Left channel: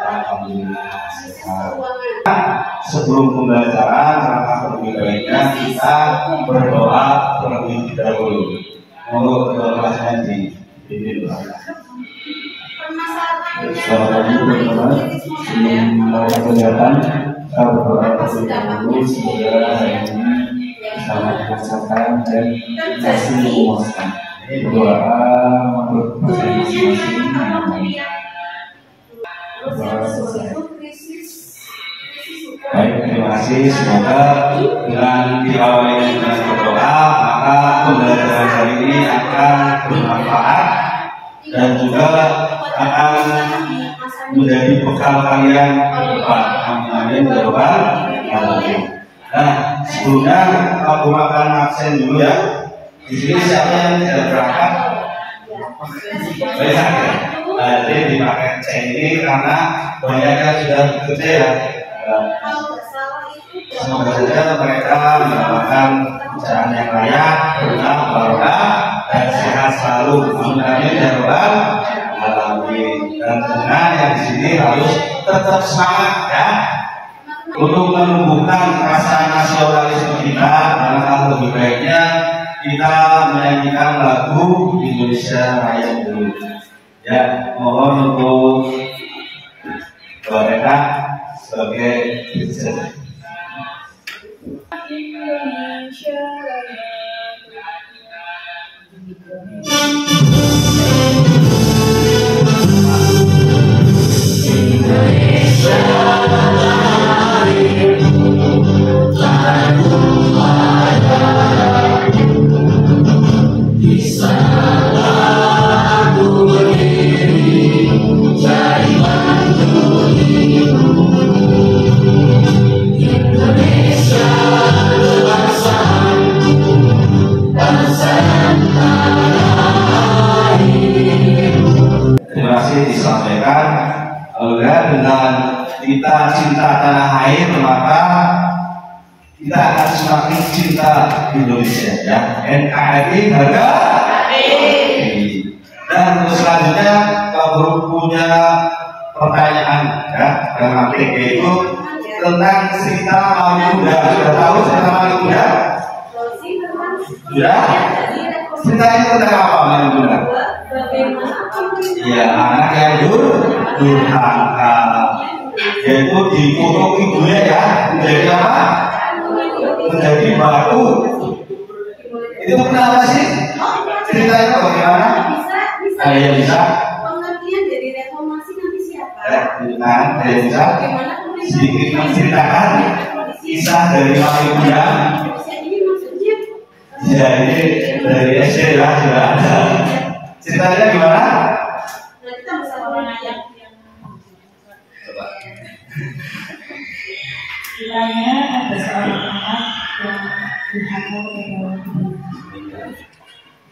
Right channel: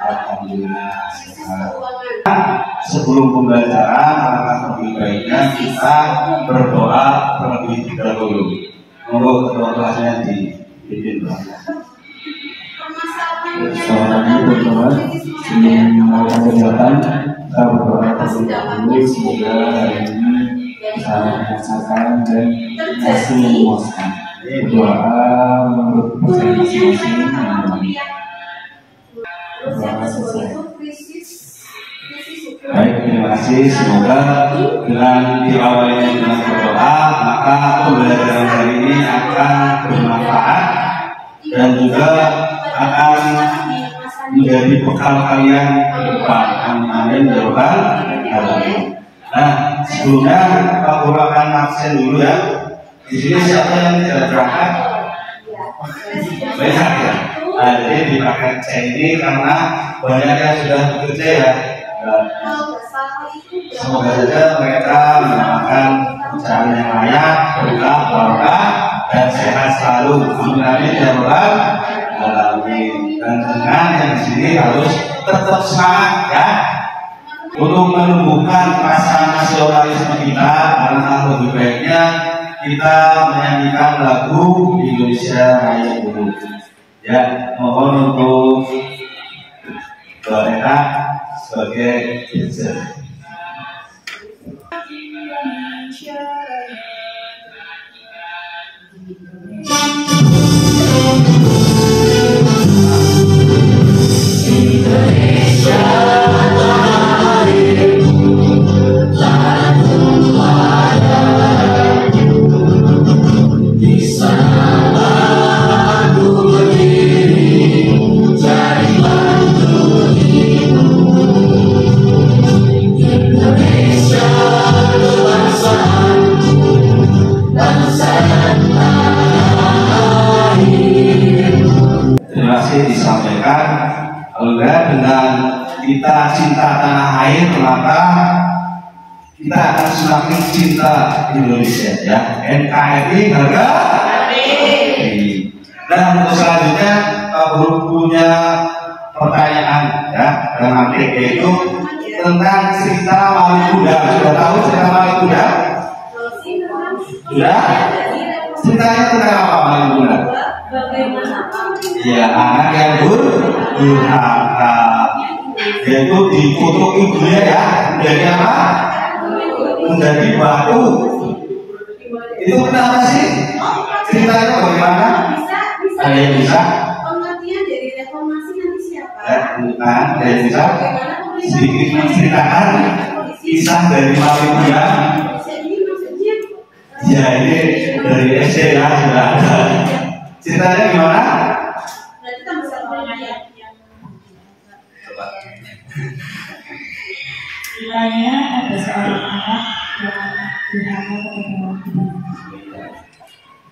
Alhamdulillah. Sebelum pembelajaran, maka lebih baiknya kita berdoa terlebih dahulu. Monggo ketua kelasnya dipimpin. Selamat pagi teman-teman. Sebelum mulai kegiatan, kita berdoa terlebih dahulu semoga hari ini bisa merasakan dan hasil memuaskan. Berdoa menurut percaya masing-masing. Berdoa selesai. Baik, terima kasih. Semoga dengan diawali dengan berdoa, maka pembelajaran hari ini akan bermanfaat dan juga akan menjadi bekal kalian ke depan. Amin ya rabbal alamin. Nah, sebelumnya Pak Guru akan absen dulu ya. Di sini siapa yang tidak berangkat? Banyak ya. Nah, jadi dipakai C ini karena banyak yang sudah bekerja ya. Semoga saja mereka mendapatkan pekerjaan yang layak, berkah, barokah, dan sehat selalu. Amin ya rabbal alamin. Dan dengan yang di sini harus tetap semangat ya untuk menumbuhkan rasa nasionalisme kita. Karena lebih baiknya kita menyanyikan lagu Indonesia Raya dulu. Ya, mohon untuk mereka sebagai dirjen. Indonesia Raya. Disampaikan dengan kita cinta tanah air, maka kita akan semakin cinta Indonesia ya. NKRI harga mati. Dan untuk selanjutnya Pak Guru punya pertanyaan ya, yang nanti yaitu tentang cerita Wali Kuda. Sudah tahu cerita Wali Kuda? Sudah? Ceritanya tentang apa Wali Kuda? Ya, anak yang durhaka, yaitu dikutuk ibunya ya, menjadi apa? Menjadi batu. Itu kenapa sih? Ceritanya bagaimana? Ada yang bisa? Pengertian dari reformasi nanti siapa? Bukan, ada yang bisa? Sedikit menceritakan kisah dari Wali Kuda. Ya, ini dari SD ya, sudah ada. Ceritanya gimana? Ceritanya ada seorang anak yang durhaka kepada orang tuanya.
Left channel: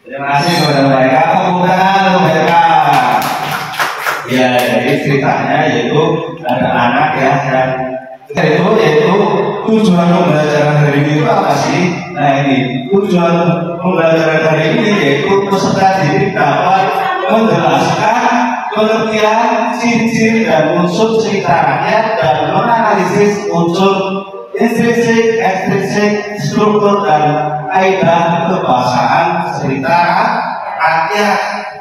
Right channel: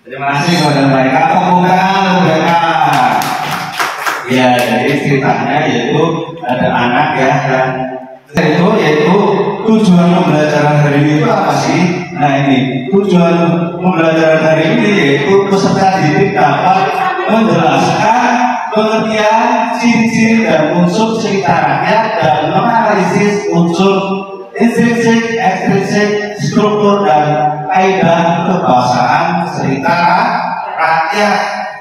Terima kasih kepada mereka. Tepuk mereka. Ya, jadi ceritanya yaitu ada anak ya, dan yaitu tujuan pembelajaran hari ini itu apa sih? Nah ini tujuan pembelajaran hari ini yaitu peserta didik dapat menjelaskan pengertian ciri-ciri dan unsur cerita rakyat dan menganalisis unsur intrinsik, ekstrinsik, struktur dan kaidah kebahasaan cerita rakyat.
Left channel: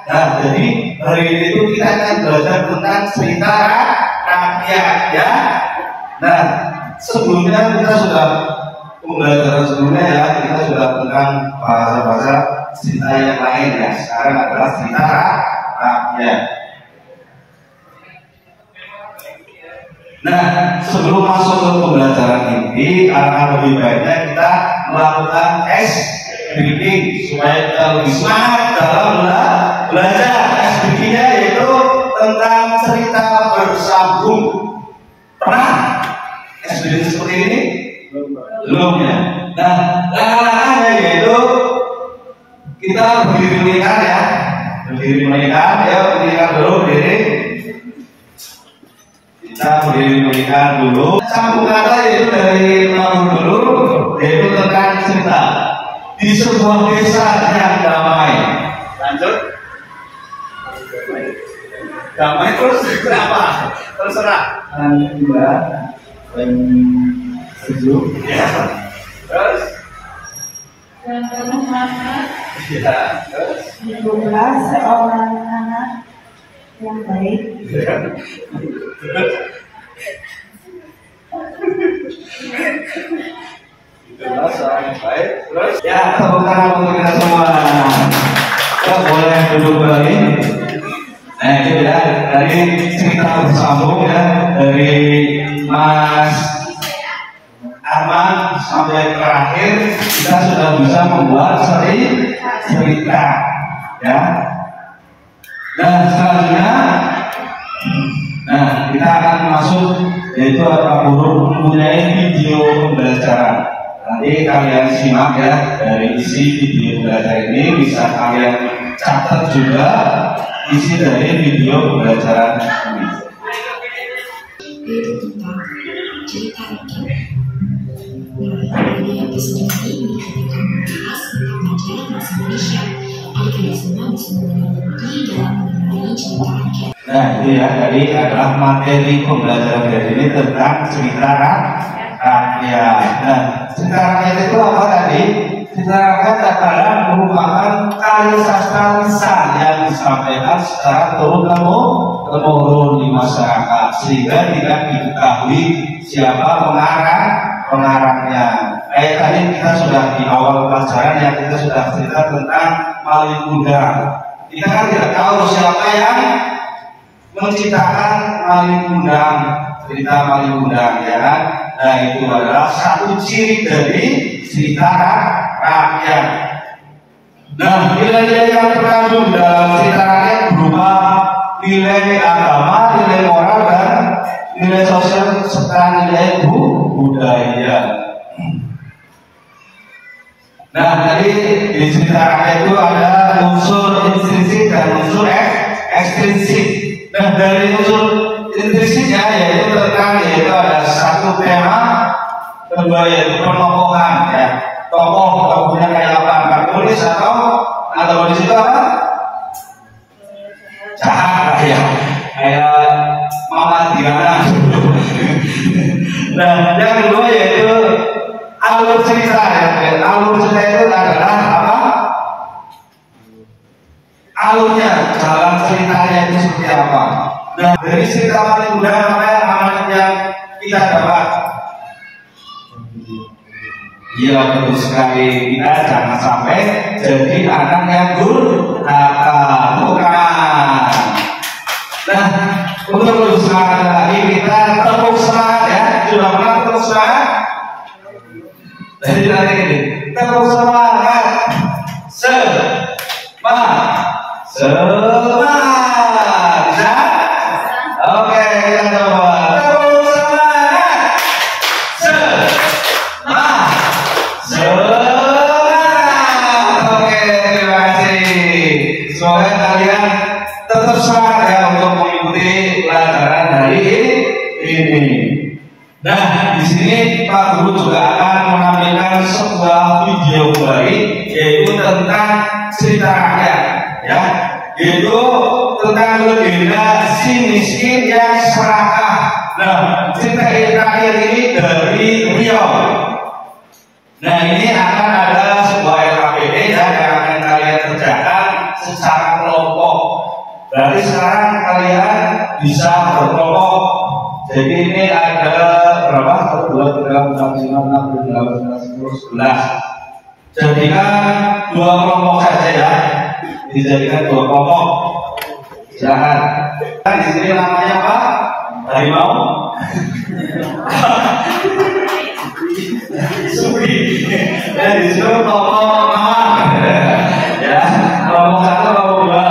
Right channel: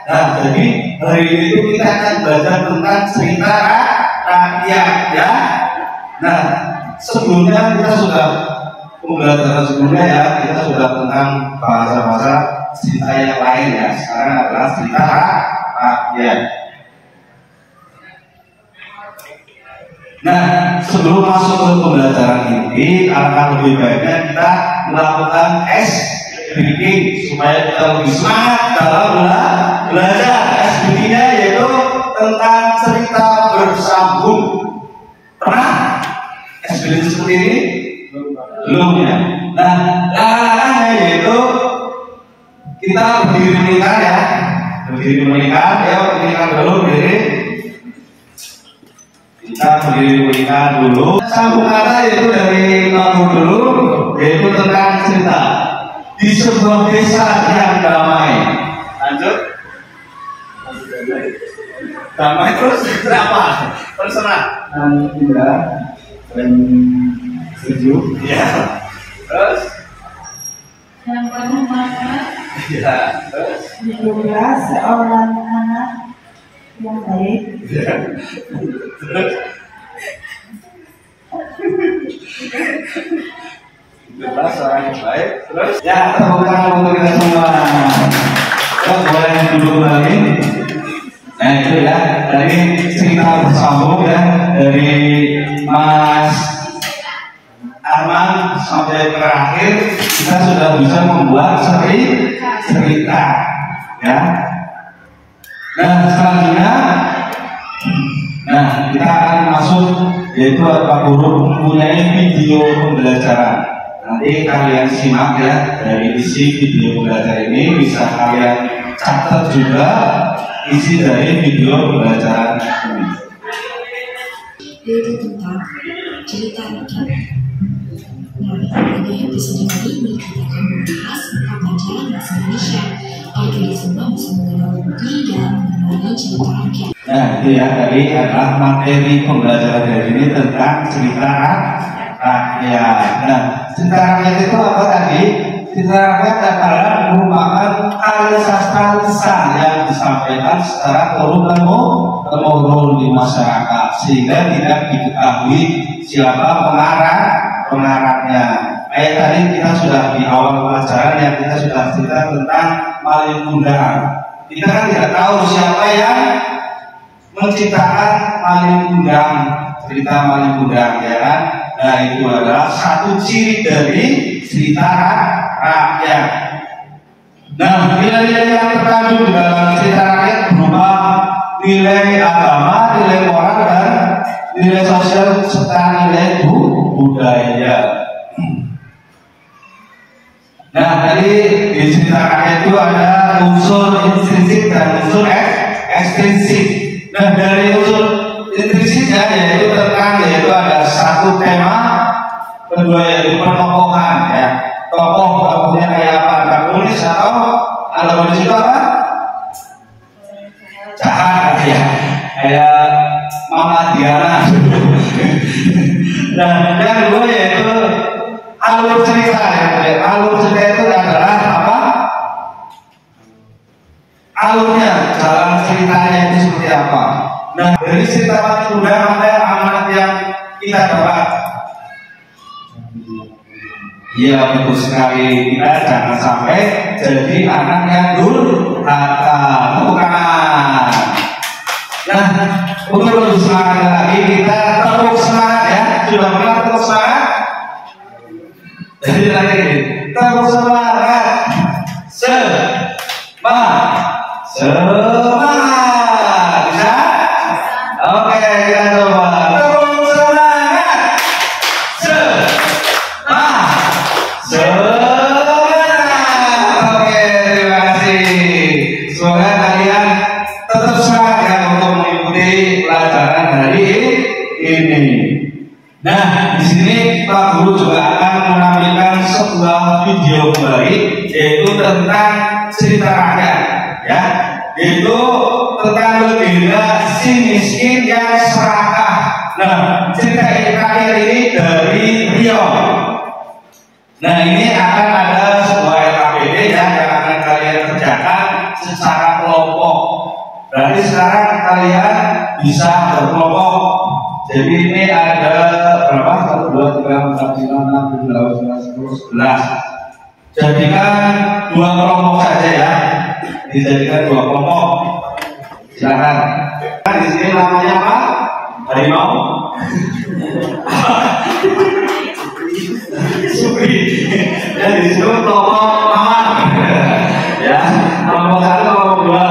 Nah, jadi hari ini itu kita akan belajar tentang cerita rakyat ya. Nah, sebelumnya kita sudah pembelajaran sebelumnya ya, kita sudah tentang bahasa-bahasa cerita yang lain ya. Sekarang adalah cerita rakyat. Nah, sebelum masuk ke pembelajaran ini, akan lebih baiknya kita melakukan tes speaking supaya kita lebih semangat dalam belajar. Tes speakingnya yaitu tentang cerita bersambung. Pernah speaking seperti ini? Belum ya. Nah, caranya yaitu kita berdiri melingkar ya, berdiri melingkar ya, melingkar dulu berdiri. Kita berdiri melingkar dulu. Sambung kata yaitu dari nomor dulu, yaitu tentang cerita di sebuah desa yang damai. Lanjut. Damai terus berapa? Terserah. Alhamdulillah dan sejuk. Ya. Terus? Dan penuh makna. Ya. Terus? Hiduplah seorang anak yang baik. Ya. Terus? Hiduplah seorang yang baik. Terus? Ya, tepuk tangan untuk kita semua. Terus boleh duduk kembali. Nah itu ya, dari cerita bersambung ya, dari Mas Arman sampai terakhir kita sudah bisa membuat cerita ya. Nah selanjutnya, nah kita akan masuk, yaitu Pak Guru mempunyai video pembelajaran. Nanti kalian simak ya, dari isi video pembelajaran ini bisa kalian catat juga isi dari video pembelajaran ini. Yaitu tentang cerita rakyat. Nah, pada episode kali ini kita akan membahas tentang pelajaran bahasa Indonesia agar kita semua bisa mengenal lebih dalam mengenali cerita rakyat. Nah, itu ya, tadi adalah materi pembelajaran hari ini tentang cerita rakyat. Nah, cerita rakyat itu apa tadi? Cerita rakyat adalah merupakan karya sastra lisan yang disampaikan secara turun-temurun di masyarakat, sehingga tidak diketahui siapa pengarangnya. Kayak tadi kita sudah di awal pelajaran yang kita sudah cerita tentang Malin Kundang. Kita kan tidak tahu siapa yang menciptakan Malin Kundang, cerita Malin Kundang, ya kan? Nah itu adalah satu ciri dari cerita rakyat. Nah nilai-nilai yang terkandung dalam cerita rakyat berupa nilai agama, nilai moral dan nilai sosial serta nilai budaya. Nah tadi di cerita rakyat itu ada unsur intrinsik dan unsur ekstrinsik. Nah dari unsur intrinsiknya yaitu ada satu tema, kedua yaitu penokohan ya. Tokohnya kayak apa? Antagonis atau antagonis itu apa? Jahat ya. Kayak Mama Diana. Nah yang kedua yaitu alur cerita ya. Alur cerita itu adalah apa? Alurnya, jalan ceritanya itu seperti apa? Nah dari cerita Malin Kundang ada amanat yang kita dapat. Iya betul sekali, kita jangan sampai jadi anak yang durhaka. Bukan. Nah untuk lebih semangat lagi kita tepuk semangat ya. Sudah pernah tepuk semangat? Jadi lagi ini tepuk semangat. Semangat. Bisa? Oke kita coba. Tepuk semangat. Semangat. Oke terima kasih. Semoga kalian tetap semangat ya untuk mengikuti pelajaran hari ini. Nah di sini Pak Guru juga akan menampilkan sebuah video kembali, yaitu tentang cerita rakyat ya, yaitu tentang legenda si miskin yang serakah. Nah cerita rakyat ini dari Riau. Nah ini akan ada sebuah LKPD ya yang akan kalian kerjakan secara kelompok. Berarti sekarang kalian bisa berkelompok. Jadi ini ada berapa? 1, 2, 3, 4, 5, 6, 7, 8, 9, 10, 11. Jadikan 2 kelompok saja ya. Dijadikan 2 kelompok. Silakan. Di sini namanya apa? Harimau. Suwi. Dan di sini kelompok mawar. Ya, kelompok 1, kelompok 2.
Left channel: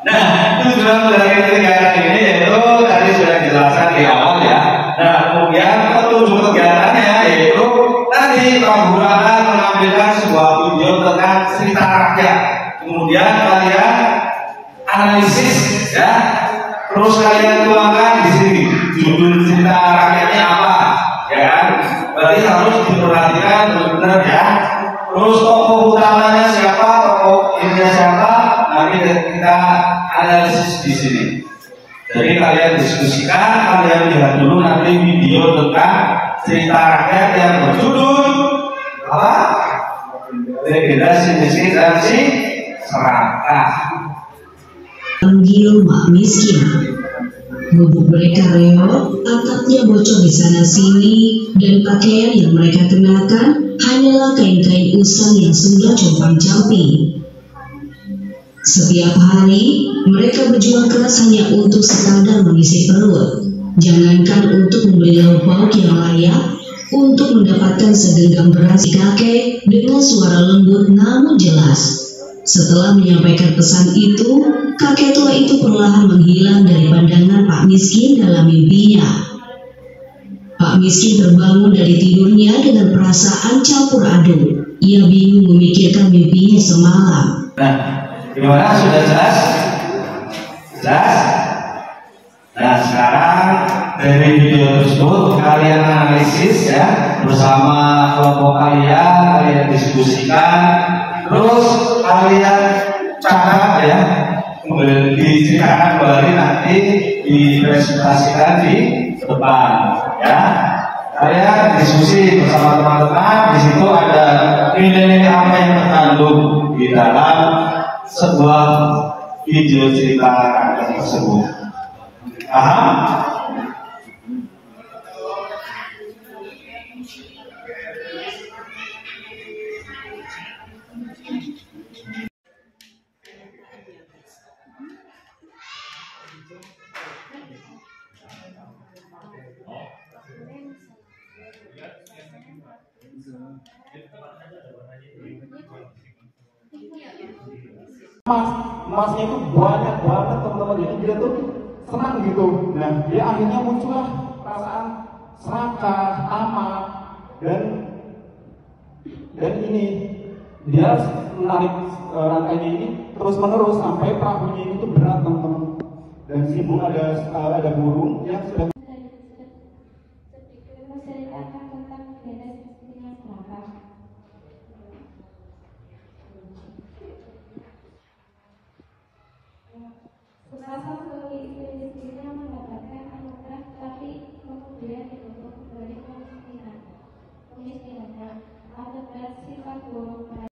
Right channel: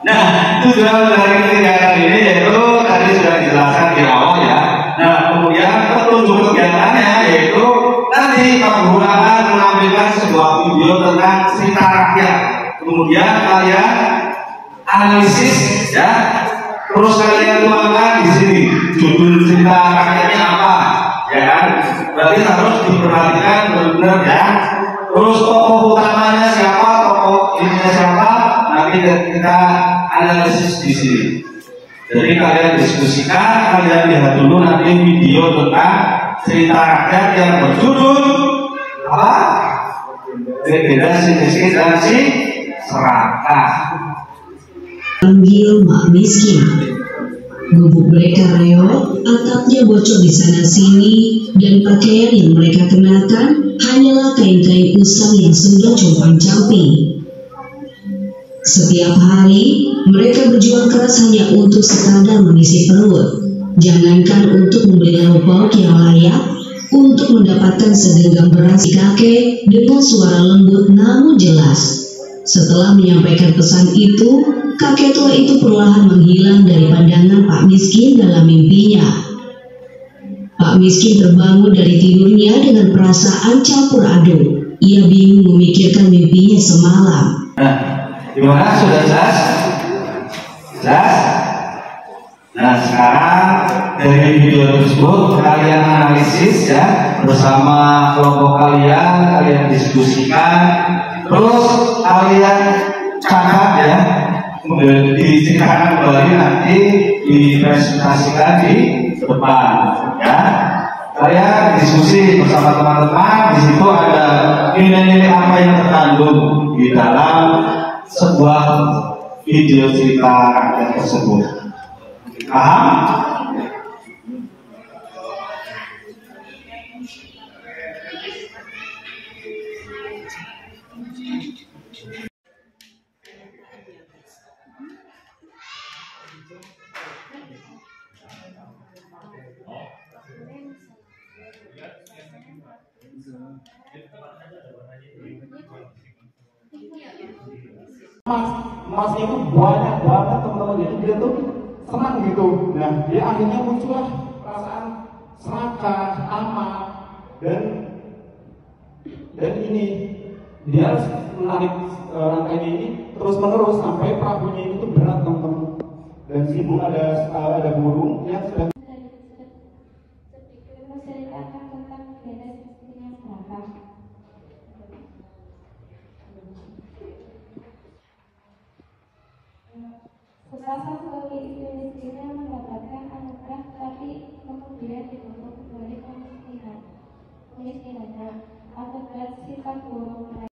Nah, tujuan dari kegiatan ini yaitu tadi sudah dijelaskan di awal ya. Nah, kemudian petunjuk kegiatannya yaitu nanti Pak Guru akan menampilkan sebuah video tentang cerita rakyat. Kemudian kalian analisis ya. Terus kalian tuangkan di sini judul cerita rakyatnya apa, ya kan? Berarti harus diperhatikan benar-benar ya. Terus tokoh utamanya siapa, tokoh ininya siapa, nanti kita analisis di sini. Jadi kalian diskusikan, kalian lihat dulu nanti video tentang cerita rakyat yang berjudul apa? Legenda si miskin dan si serakah. Panggil mak miskin. Gubuk mereka reot, atapnya bocor di sana sini, dan pakaian yang mereka kenakan hanyalah kain-kain usang yang sudah compang-camping. Setiap hari, mereka berjuang keras hanya untuk sekadar mengisi perut. Jangankan untuk membeli lauk pauk yang layak, untuk mendapatkan segenggam beras si kakek dengan suara lembut namun jelas. Setelah menyampaikan pesan itu, kakek tua itu perlahan menghilang dari pandangan Pak Miskin dalam mimpinya. Pak Miskin terbangun dari tidurnya dengan perasaan campur aduk. Ia bingung memikirkan mimpinya semalam. Nah, gimana, sudah jelas? Jelas? Nah, sekarang dari video tersebut kalian analisis ya bersama kelompok kalian diskusikan, terus kalian catat ya, diceritakan kembali nanti dipresentasikan di depan ya. Kalian diskusi bersama teman-teman, di situ ada nilai-nilai apa yang terkandung di dalam sebuah video cerita rakyat tersebut. Paham? Masnya itu banyak banget teman-teman, jadi dia tuh senang gitu. Nah, dia akhirnya muncul perasaan serakah, aman, dan ini dia menarik rantai ini terus menerus sampai pabunya itu berat teman-teman. Dan sibuk ada burung yang sedang